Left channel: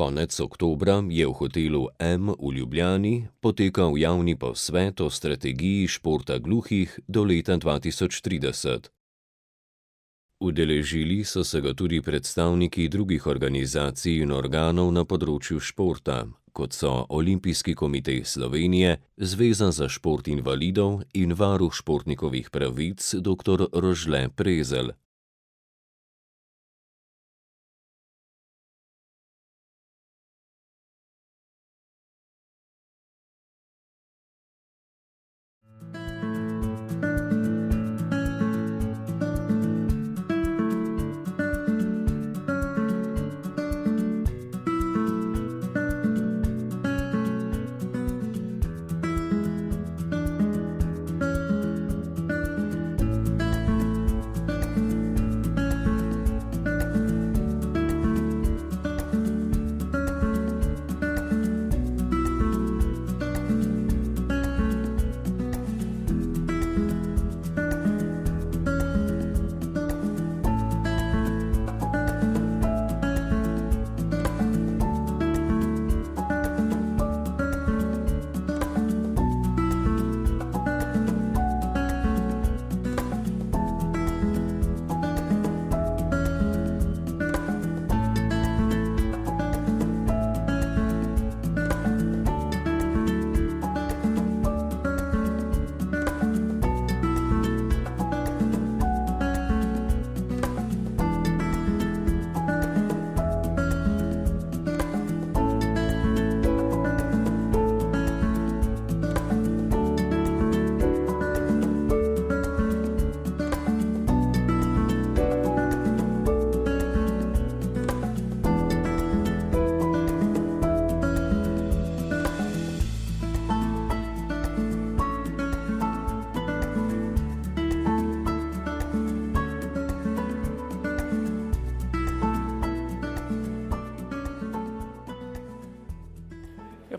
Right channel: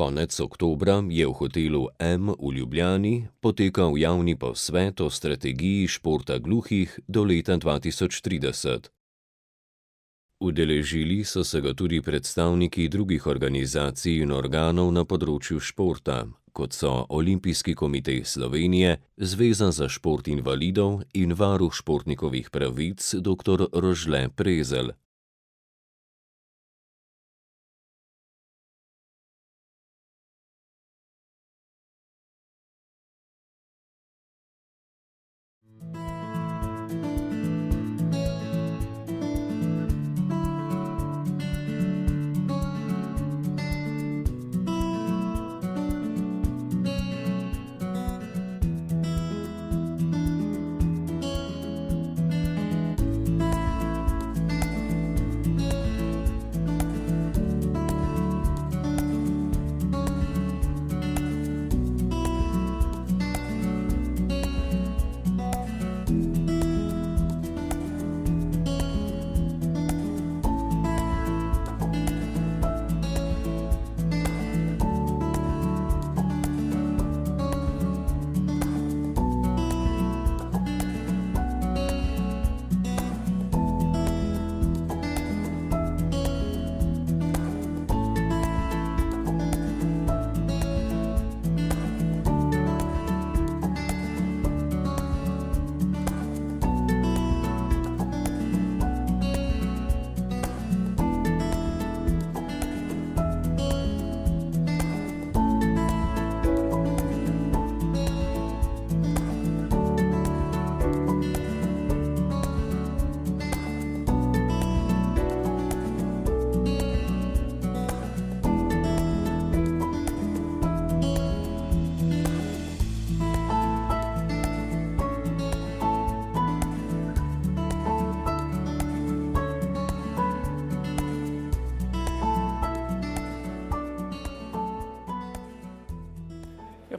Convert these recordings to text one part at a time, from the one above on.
Konec oktobra je v hotelu M v Ljubljani potekal javni posvet o strategiji športa gluhih do leta 2030. Udeležili so se ga tudi predstavniki drugih organizacij in organov na področju športa, kot so Olimpijski komite Slovenije, Zveza za šport invalidov in varuh športnikovih pravic dr. Rožle Prezelj.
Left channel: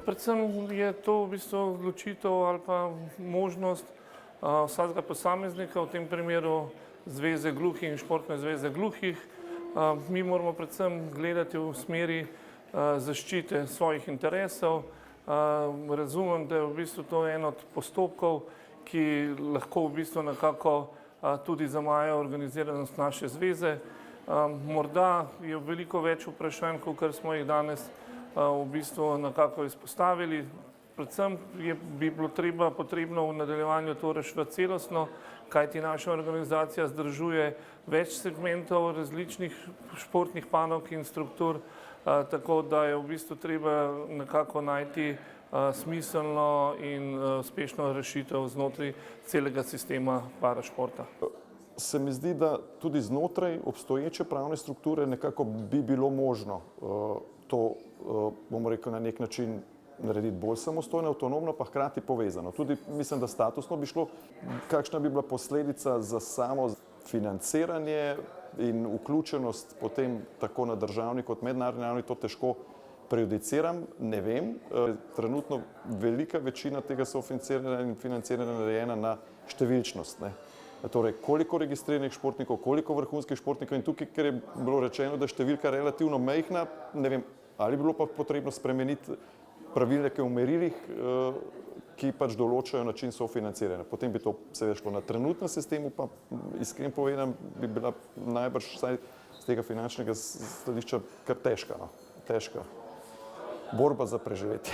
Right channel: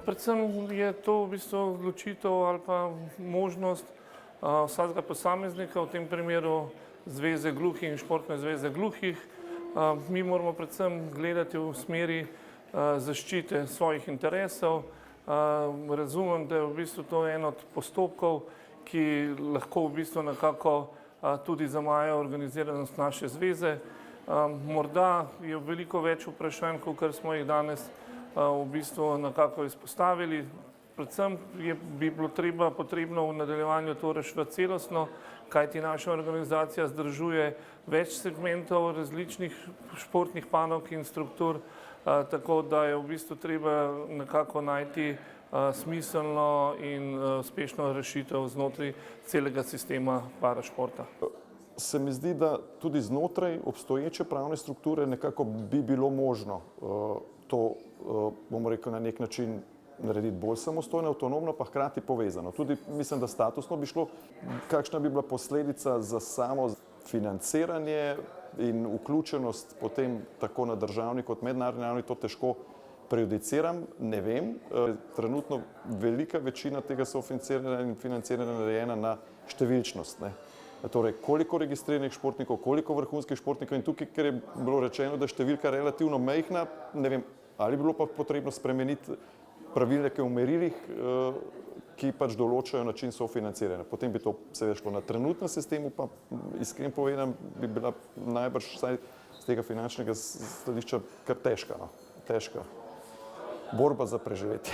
Predvsem je to v bistvu odločitev ali pa možnost vsakega posameznika, v tem primeru Zveze gluhih in Športne zveze gluhih. Mi moramo predvsem gledati v smeri zaščite svojih interesov. Razumem, da je v bistvu to en od postopkov, ki lahko v bistvu nekako tudi zamaja organiziranost naše zveze. Morda je veliko več vprašanj, kot smo jih danes v bistvu nekako izpostavili. Predvsem bi bilo potrebno v nadaljevanju to rešiti celostno, kajti naša organizacija združuje več segmentov različnih športnih panog in struktur, tako da je v bistvu treba nekako najti smiselno in uspešno rešitev znotraj celega sistema parašporta. Se mi zdi, da tudi znotraj obstoječe pravne strukture nekako bi bilo možno to, bomo rekel, na nek način narediti bolj samostojno, avtonomno, pa hkrati povezano. Tudi mislim, da statusno bi šlo, kakšna bi bila posledica za samo financiranje in vključenost potem tako na državni kot mednarodni ravni, to težko prejudiciram, ne vem. Trenutno velika večina tega sofinanciranja in financiranja narejena na številčnost. Torej, koliko registriranih športnikov, koliko vrhunskih športnikov in tukaj, ker je bilo rečeno, da je številka relativno majhna, ne vem, ali bi bilo pa potrebno spremeniti pravilnike v merilih, ki pač določajo način sofinanciranja. Potem bi to seveda šlo. Na trenutnem sistemu pa, iskreno povedano, bi bila najbrž vsaj z tega finančnega stališča kar težka, no. Težka borba za preživetje.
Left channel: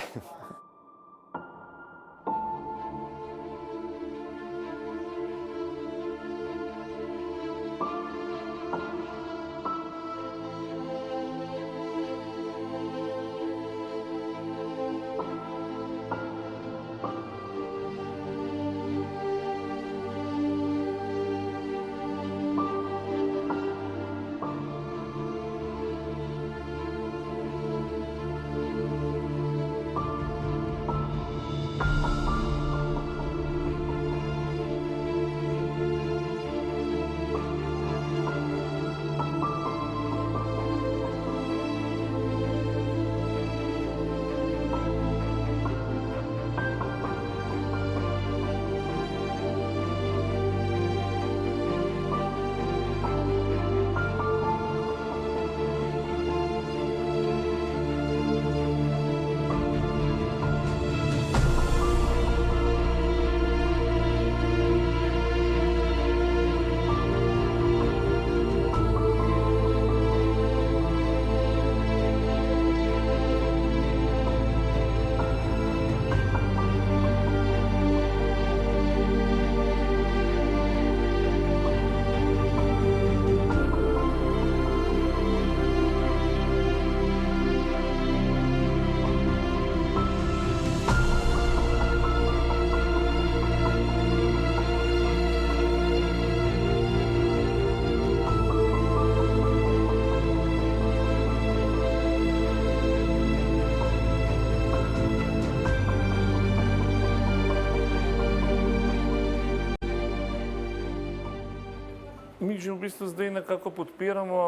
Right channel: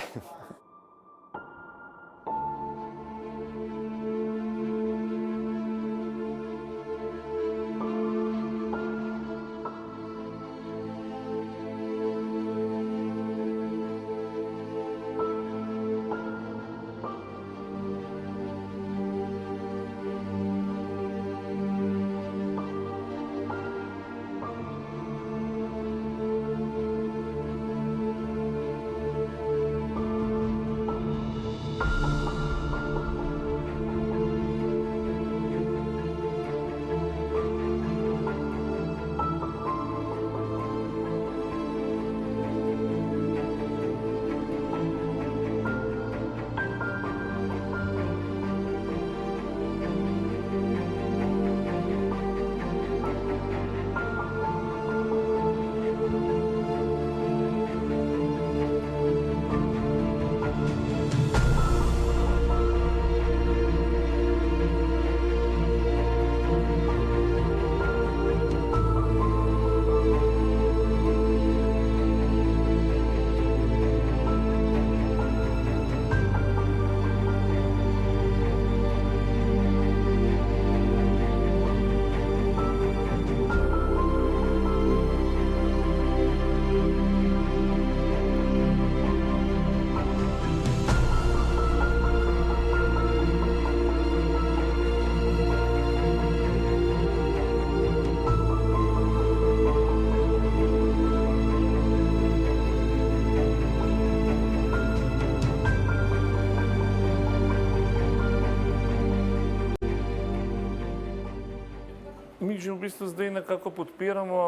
Mi že v bistvu zdaj nekako podpiramo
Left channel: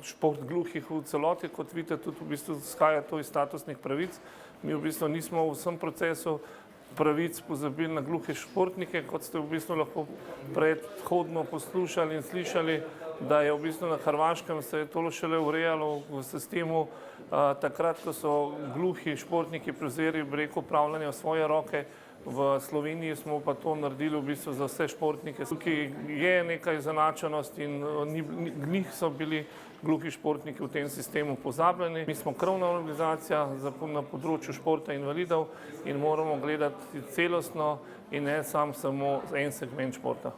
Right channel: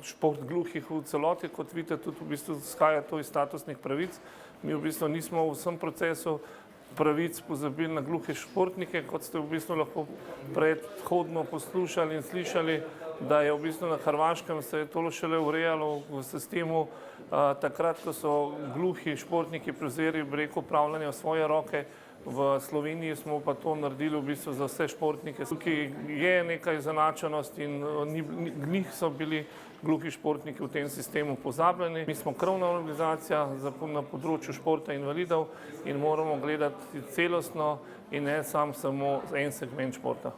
šport gluhih v celoti, kot vidite, tudi v bistvu izhaja to iz statusnih pravic. Mi v bistvu nismo v vsem procesu pravic pozabili na gluhe športnike, kot ste v bistvu lahko predhodno poslušali in slišali, da je v bistvu na Hrvaškem se je to šele urejalo v sistemu takrat, ko so gluhi športniki prevzeli, bi rekel, upravljanje v svoje roke. V Sloveniji smo pa to naredili v bistvu za vse športnike. Tukaj je nekaj izenačenosti in njih so bili gluhi športniki v tem sistemu pozabljeni. Mi smo krovna organizacija na področju športa invalidov in moramo gledati celostno in ne samo en segment športa.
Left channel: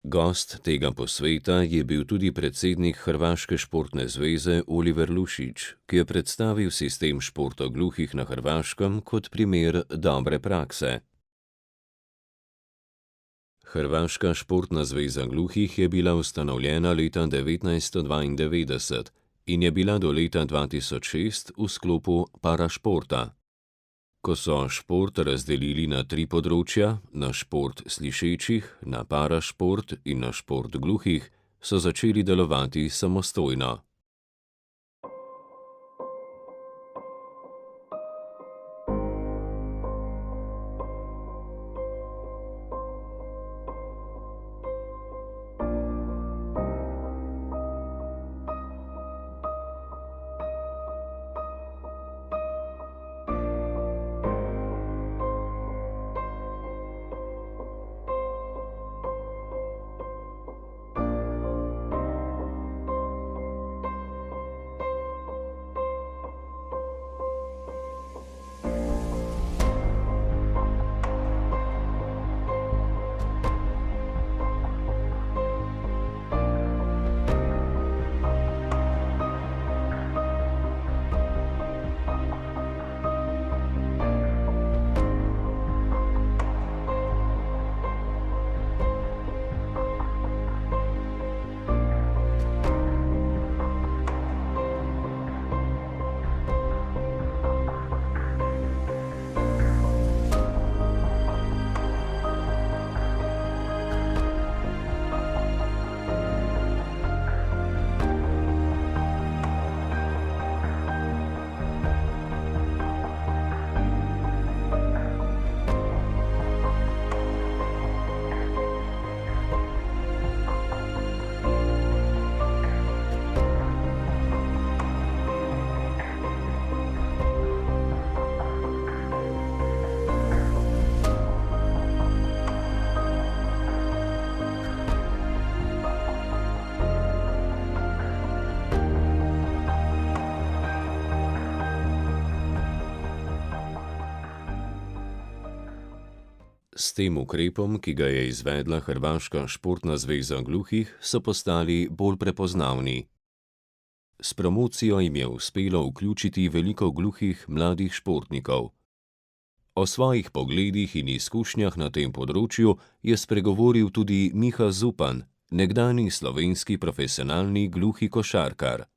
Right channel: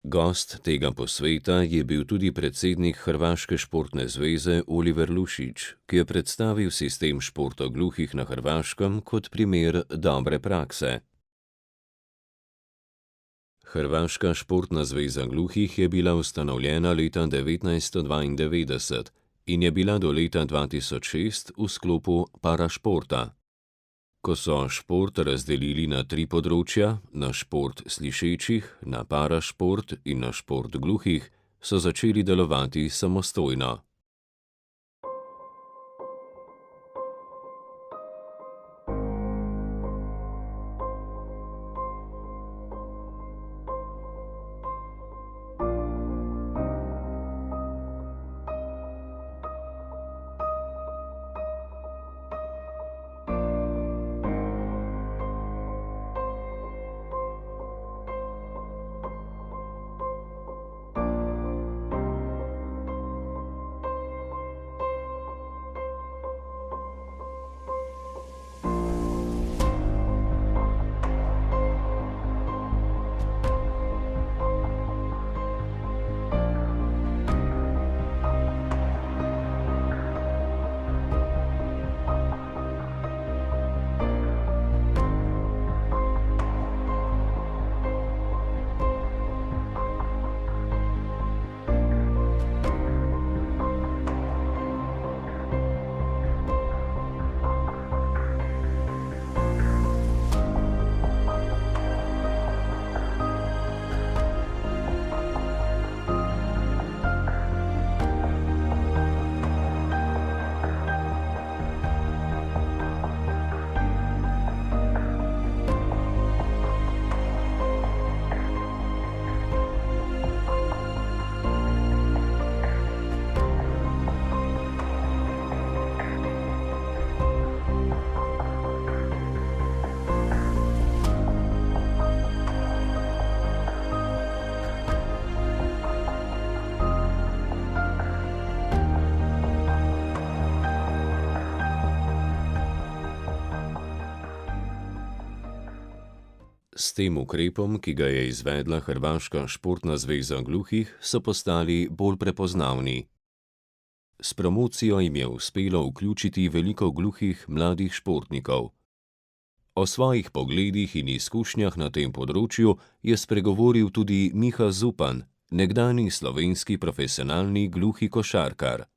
Gost tega posveta je bil tudi predsednik Hrvaške športne zveze Oliver Lušić, ki je predstavil sistem športa gluhih na Hrvaškem kot primer dobre prakse. Hrvaška športna zveza gluhih je bila ustanovljena leta 1992 in je bila do leta 2006 v sklopu parašporta. Ko so šport razdelili na 3 področja, na šport slišečih, na parašport in na šport gluhih, so začeli delovati samostojno. S tem ukrepom, ki ga je izvedla Hrvaška športna zveza gluhih, so postali bolj prepoznavni. S promocijo jim je uspelo vključiti veliko gluhih mladih športnikov. O svojih pogledih in izkušnjah na tem področju je spregovoril tudi Miha Zupan, nekdanji slovenski profesionalni gluhi košarkar.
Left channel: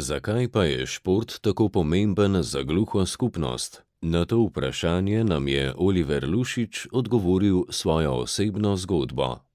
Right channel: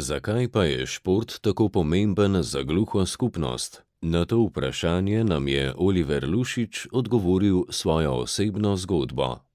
Zakaj pa je šport tako pomemben za gluho skupnost? Na to vprašanje nam je Oliver Lušič odgovoril svojo osebno zgodbo.